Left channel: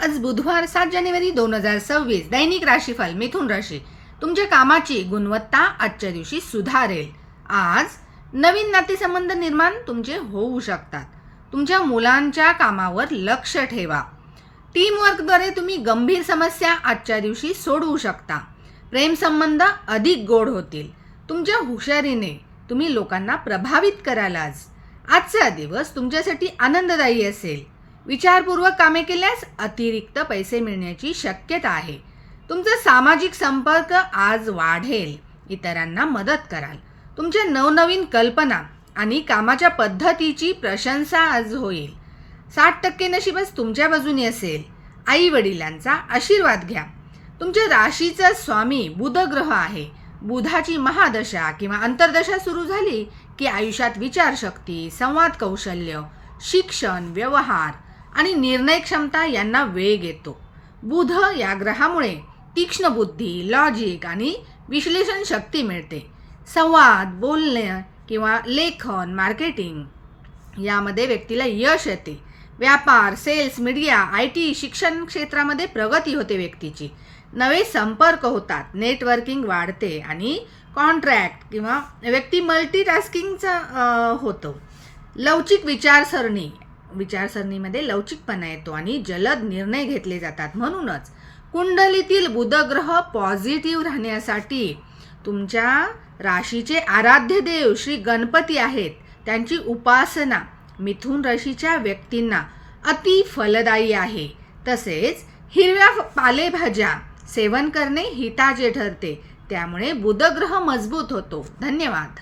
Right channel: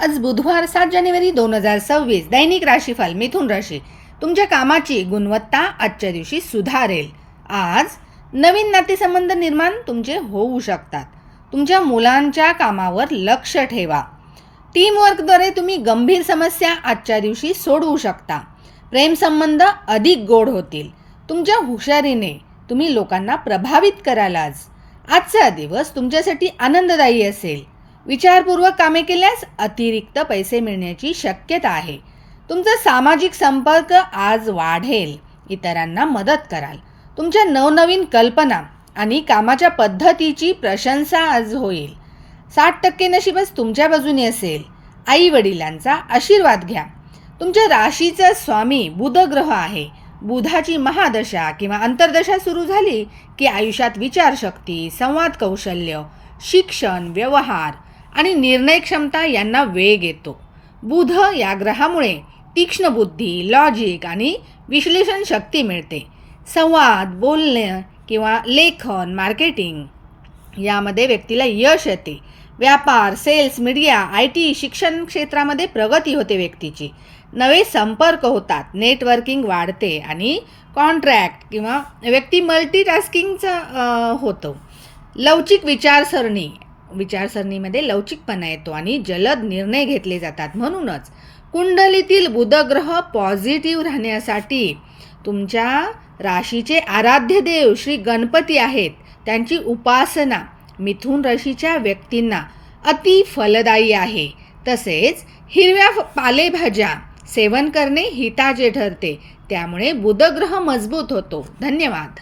आज बुधवार 7 जानेवारी 2026. दैनिक राशीफल. मिथुन राशी. तुमच्या कामाची गुणवत्ता आजच्या दिवशी सुधारेल. आज नवीन नातेसंबंध निर्माण तुमचे होऊ शकतात. तुमच्या मुलांच्या कामावर लक्ष ठेवा. टीमवर्कद्वारे तुम्ही गंभीर समस्या आजच्या दिवशी सोडवू शकता. प्रेमसंबंध अधिक गोड होतील. तुमच्या हुशारीने तुम्ही लोकांना प्रभावित कराल. आजचा दिवस तुमच्यासाठी आनंददायी असेल. विचारपूर्वक कामे केल्यास अतिरिक्त पैसे मिळण्याची शक्यता आहे. तुमचा सामाजिक संपर्क आज वाढेल. इतरांना मदत कराल. तुमच्या नवनवीन कल्पना आणि कामाच्या पद्धतीची प्रशंसा आज होईल. 60% नशीबच तुमच्या बाजूने असेल. आई वडिलांचा आशीर्वाद घ्या. तुमच्या राशीचा स्वामी बुध ग्रह आहे. बुधाची महादशा किंवा अंतर्दशा सुरू झाली की आयुष्यात विचारशक्ती, संवाद कौशल्य, शिक्षण, व्यवहार आणि निर्णय क्षमता यांना वेग येतो. बुध या ग्रहामुळे तीक्ष्ण बुद्धी, लॉजिक आणि विश्लेषण शक्ती मिळते. संवाद, बोलणे किंवा लेखन, मार्केटिंग यामध्ये व्यक्तीला यश येते. व्यापार, सेल्स, मीडिया, IT, शिक्षण क्षेत्रामध्ये प्रगती होते व्यक्तीची. नवे संपर्क होतात. नेटवर्किंग वाढते आणि कॉन्ट्रॅक्ट किंवा व्यक्ती मल्टीटास्किंगचा होतो. लवचिक विचारसरणीमध्ये लवचिकपणा येतो आणि जलद निर्णय घेतले जातात. म्हणूनच कुंडलीतील बुधग्रह पॉझिटिव्ह राहण्यासाठी तुमच्या राशीचे आराध्य देव श्री गणपती आहेत. त्यांची उपासना मिथुन राशीच्या व्यक्तींना अति फलदायी आहे. तसेच हिरव्या पालेभाज्या सेवन करणे हिताचे ठरते. त्यामुळे बुधग्रह मजबूत होतो. धन्यवाद.